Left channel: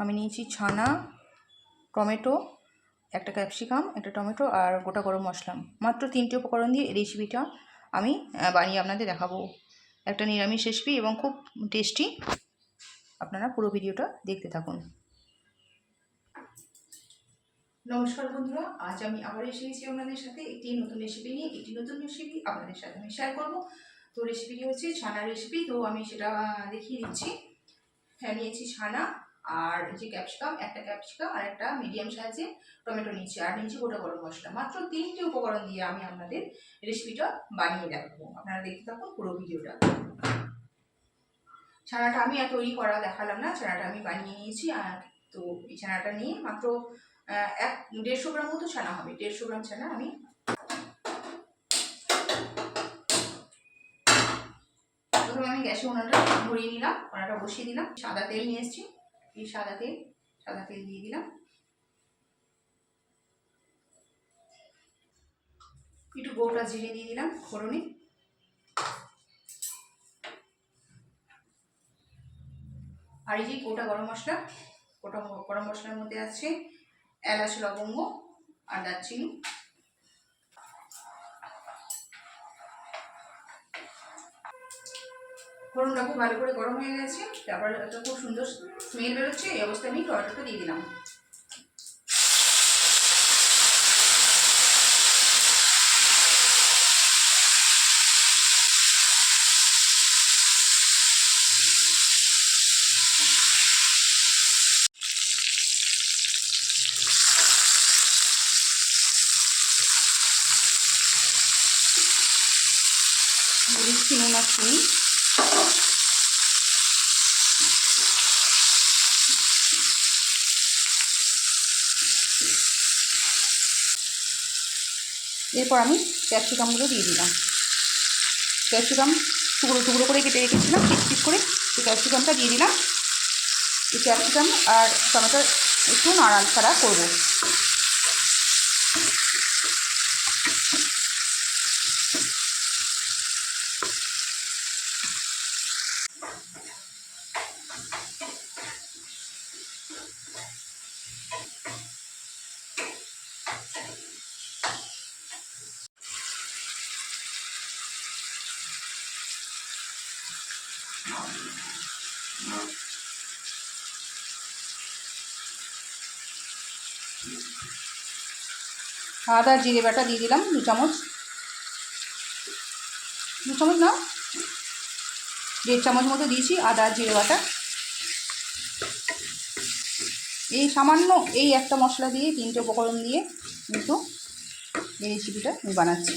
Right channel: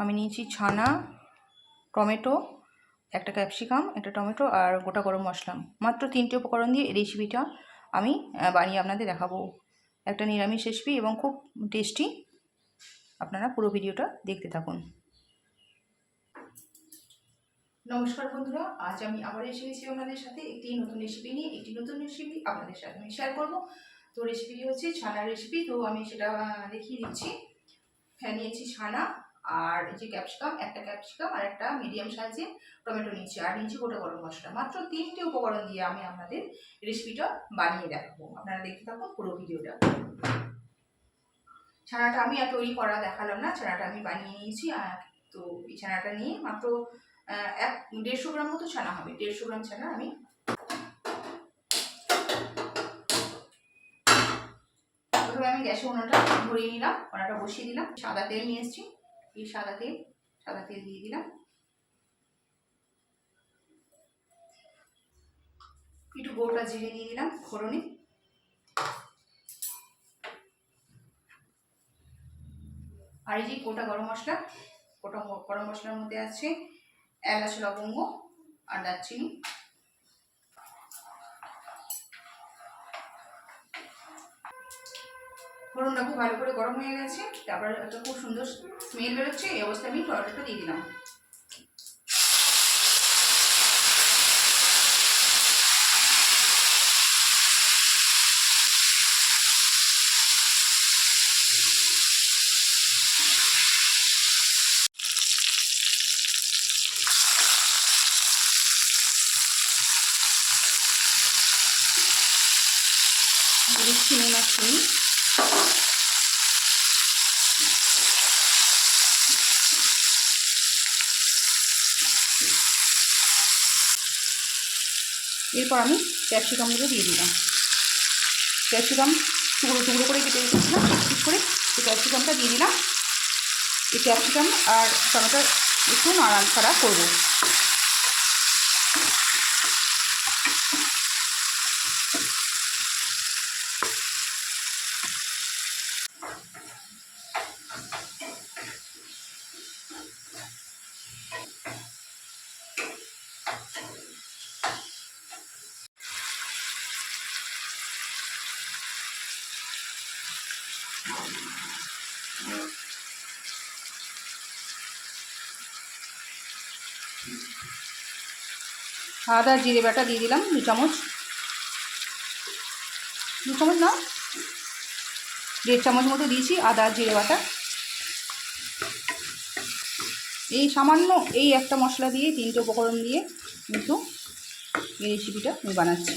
আমি নিয়েছি ছানা, টমেটো, একটা ক্যাপসিকাম, একটা টমেটো আর গোটা গরম মশলা। মাত্র 3টে উপকরণ দিয়ে এই রেসিপিটা আমি বানিয়ে আপনাদের দেখাবো। একটা নিরামিষ রেসিপি এবং খুব টেস্টি। আপনারা পুরো ভিডিওটা দেখতে থাকুন। নমস্কার বন্ধুরা, আজ আমি আবার এসেছি আপনাদের সাথে একটি নতুন রেসিপি নিয়ে। একটি নতুন রেসিপি আপনাদের সাথে আমি শেয়ার করব। তো রেসিপিটি হচ্ছে ছানার রেসিপি। তো আমি সেটা দেখিয়ে দিচ্ছি। হ্যাঁ, নিয়েছি ছানা আর এই যে ক্যাপসিকাম, একটা ক্যাপসিকাম আর একটা মিডিয়াম সাইজের টমেটো নিয়েছি, আর নিয়েছি গোটা গরম মশলা। মাত্র 3টে উপকরণ দিয়ে আমি আপনাদের রেসিপিটা বানিয়ে দেখাবো। আপনারা দেখতে থাকুন পুরো ভিডিওটা। ছানাটা আমি আর তৈরি করা দেখালাম না, ছানাটা আমি বানিয়ে নিয়েছি। তো এই ছানাটা নিয়ে মাত্র 150 গ্রাম মতো ছানা হবে। 150 গ্রাম ছানা আমি প্রথমে গ্যাসে উনানটা ধরিয়ে নিলাম, উনানটা বসিয়ে দিলাম। সাদা তেল নিয়ে এসেছি, এই সাদা তেল দিয়ে দিলাম। একটু গোটা জিরে দিয়ে দিলাম ফোড়নে। আর এই যে গোটা গরম মশলা, গোটা গরম মশলার মধ্যে আছে এলাচ, লবঙ্গ আর দারচিনি। ফোড়নটা খুব ভালো করে গরম হয়ে গেছে, তারপর একটা খুব সুন্দর স্মেল বেরোচ্ছে। এই অবস্থায় আমি টমেটোটা দিয়ে দিলাম। দিচ্ছি নুন আর চিনি। এরপর আমি ক্যাপসিকামগুলো দিয়ে দিলাম। ক্যাপসিকাম টুকরো টুকরো করে কেটে রেখেছিলাম ঠিক করে, এই ক্যাপসিকামটা দিয়ে দিলাম। এই ক্যাপসিকাম আর টমেটো একটু নাড়াচাড়া করবো। আদা জিরে বাটা দিয়ে দিলাম 2 চামচ, 2 চামচ না 1.5 চামচ মতো দিয়েছি আদা জিরে বাটা। এই সামান্য এই একটা মশলা দিয়ে 3টে উপকরণ দিয়ে কিন্তু এই রেসিপিটা আমি বানাচ্ছি।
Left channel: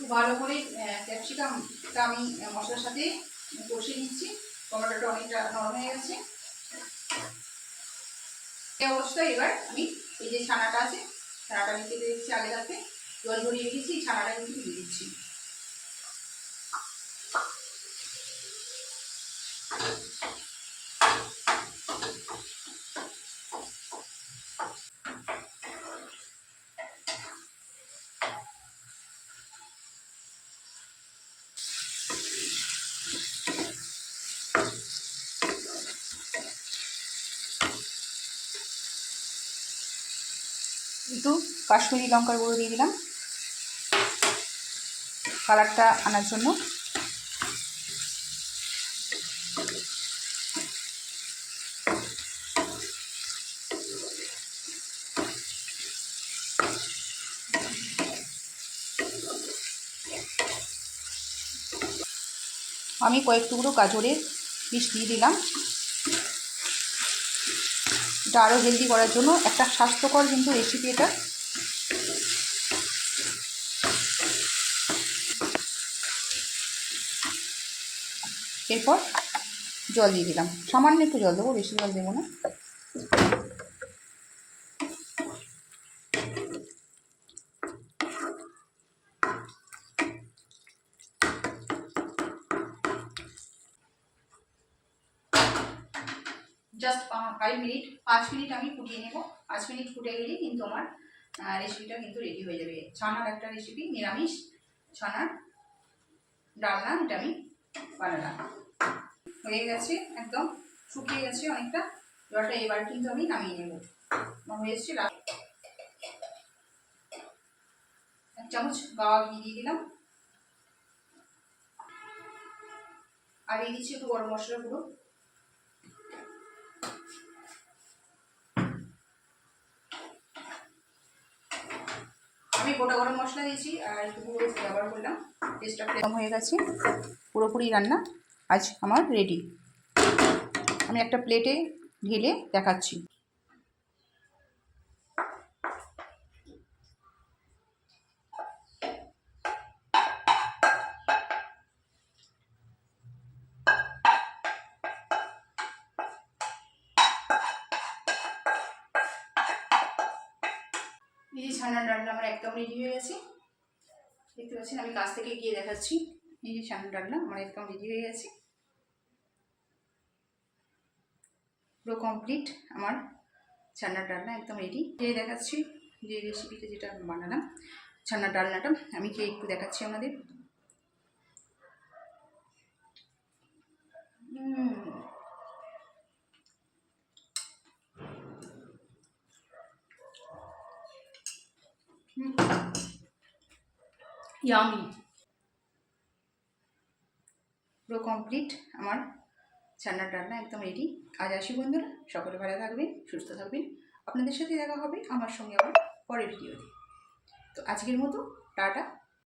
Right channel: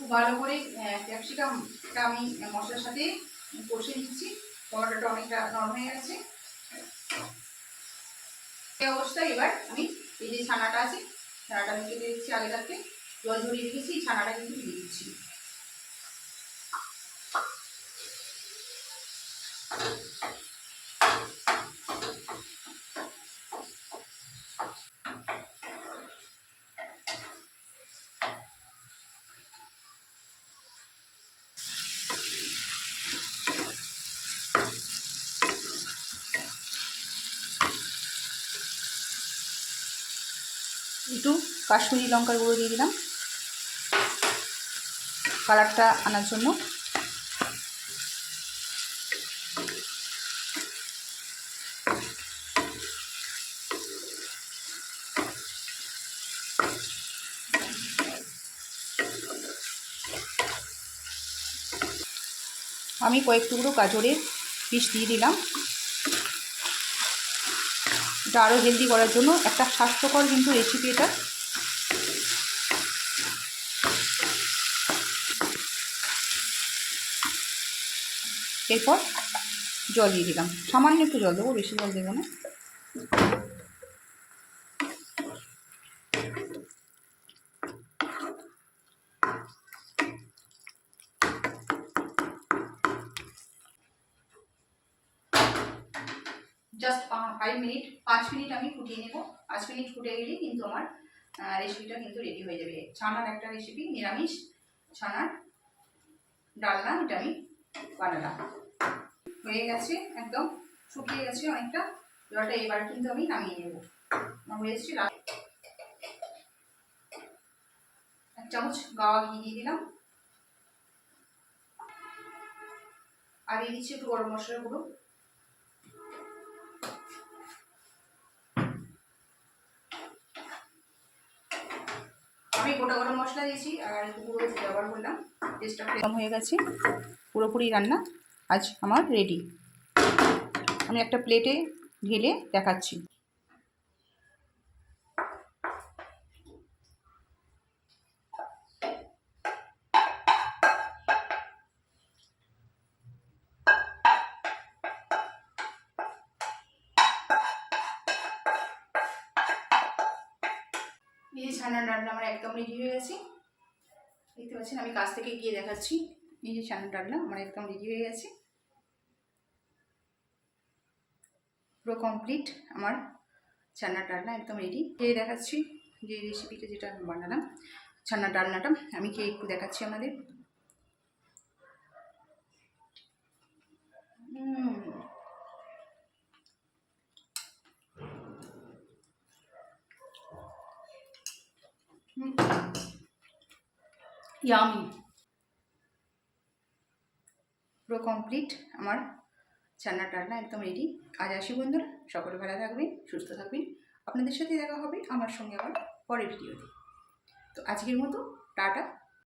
খুব ভালো করে ক্যাপসিকামটা আমি মশলার সাথে কষে নিচ্ছি। টমেটোটা অনেকটা নরম হয়ে গেছে। এই অবস্থায় এবার আমি এই যে ছানাটা আছে, ছানাটা আমি কেটে দিচ্ছি। আগে থাকতে জল ঝরিয়ে রেখেছি, ছানাটা কিন্তু দিয়ে দিচ্ছি। একটু কাশ্মীরি লঙ্কার গুঁড়ো দিয়ে দিলাম কালারটা আনার জন্য। আমি কয়েক টুকরো গাজরের পিস দিয়ে দিলাম। এটা আরও হেলদি করার জন্য, একটা স্বাস্থ্যকর কিন্তু রেসিপি এটা। এরপর জল দিয়ে দিলাম, সামান্য একটু জল দেবো, বেশি জল দেবো না। জাস্ট 5 মিনিট, 5 মিনিট আমি ফুটিয়ে নেব। 5 মিনিট ফুটে গেলেই কিন্তু আমার রেসিপিটা কিন্তু রেডি হয়ে যাবে। ছানার একটা রেসিপি, নিরামিষ ছানার ডালনা, এটা আমি বানালাম। হয়ে গেছে, একদম শুকিয়ে গেছে অনেকটা জলটা। এবার কিন্তু আমি নামিয়ে নেব। আমার হয়ে এসেছে। 1 চামচ গাওয়া ঘি দিয়ে দিলাম, আর দিয়ে দিচ্ছি একটু গরম মশলা গুঁড়ো। আমি গোটা গরম মশলা দিয়েছি আর একটু গুঁড়ো ব্যবহার করলাম। টেস্টটা কম হয়ে গেছে, পুরোপুরি রান্না আজ আমার রেডি। আমি একটা প্লেটে ঢেলে দেখাচ্ছি। এই যে ছানার ডালনা আমার একদম রেডি হয়ে গেছে, দেখতে পাচ্ছেন। আমি কাছ থেকে গিয়ে দেখাচ্ছি। এই যে ছানার ডালনা আমার একদম রেডি হয়ে গেছে, পুরো কমপ্লিট আমার ছানার ডালনা একদম রেডি। খেয়ে দেখাচ্ছি যে রেসিপিটা যেটা আমি বানালাম, ছানার ডালনাটা আমি খেয়ে একটু দেখাচ্ছি আমাদের। ইয়ামি, পুরো কমপ্লিট আমার ছানার ডালনা একদম রেডি। আজ আসি বন্ধুরা, সকলে ভালো থাকবেন, সুস্থ থাকবেন। আপনাদের সাথে দেখা হবে আমার সঙ্গে আবার পরের ভিডিওতে। তো আজকের মতো টাটা।